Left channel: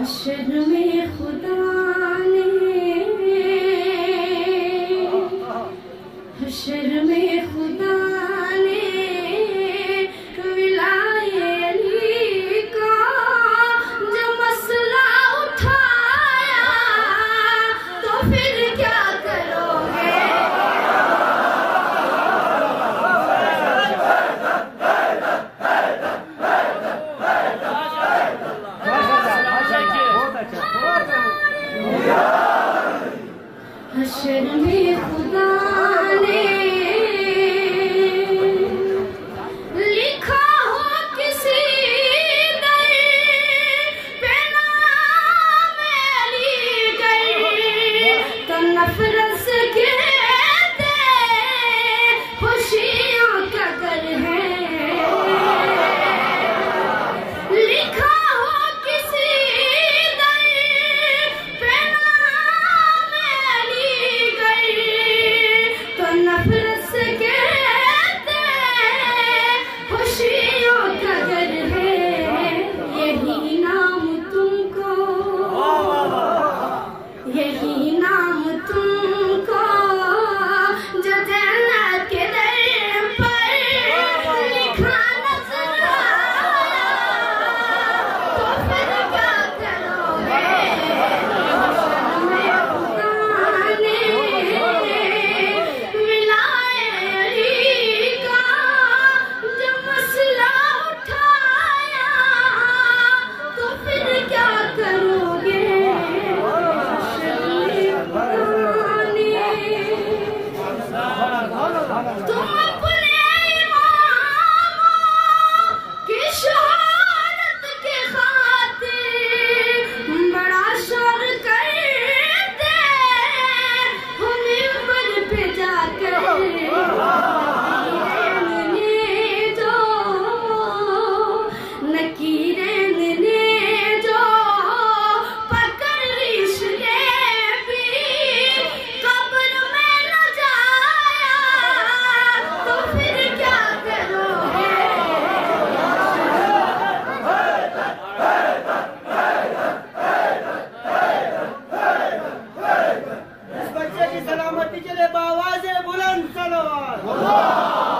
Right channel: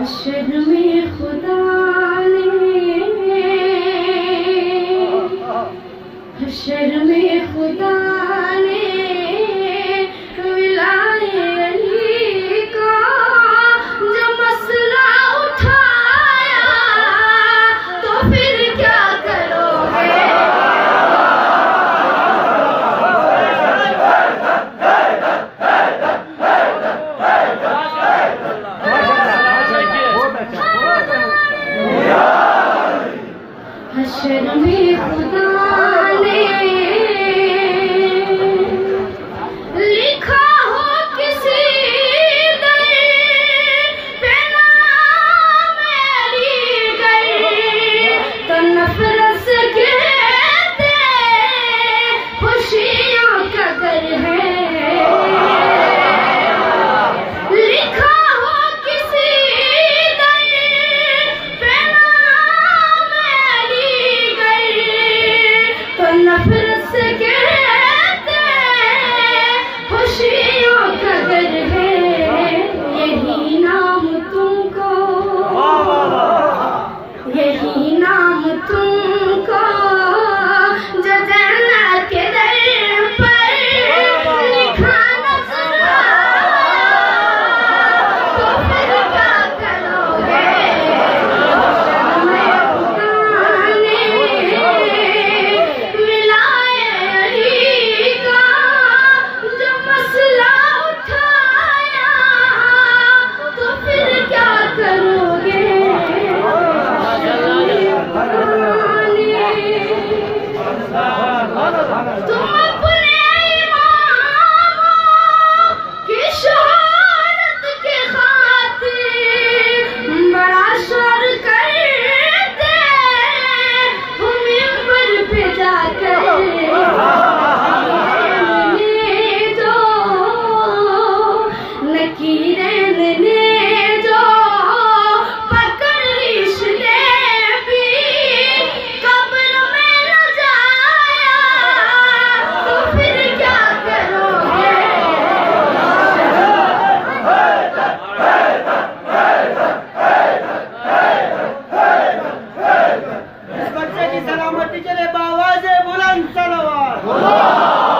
हश्र में खुदा ने, हश्र में खुदा ने विलाए अली का जब मसला उठाया तो फिर क्या करोगे? हश्र में खुदा ने लिखा हो किसी दर पे नाम अलीगढ़ तो नफरत से कहते खुशियां का घर है। लिखा हो किसी दर पे नाम अलीगढ़ तो नफरत से कहते खुशियों का घर है। यही नाम तुमको, यही नाम तुमको जो जन्नत के दर पर लिखा नजर आया तो फिर क्या करोगे? हश्र में खुदा ने विलाए अली का जब मसला उठाया तो फिर क्या करोगे? हश्र में खुदा ने तुम अपने इमामों की शहादत के खातिर बड़ा शोर करते हो मिंबर पे जाकर। ने जो नकीरन ने जो पकड़ रिश्ते भी कब्र में न जाया तो फिर क्या करोगे? इस बच्चे की सलामती के लिए बावाज़े बुलंद सलावत।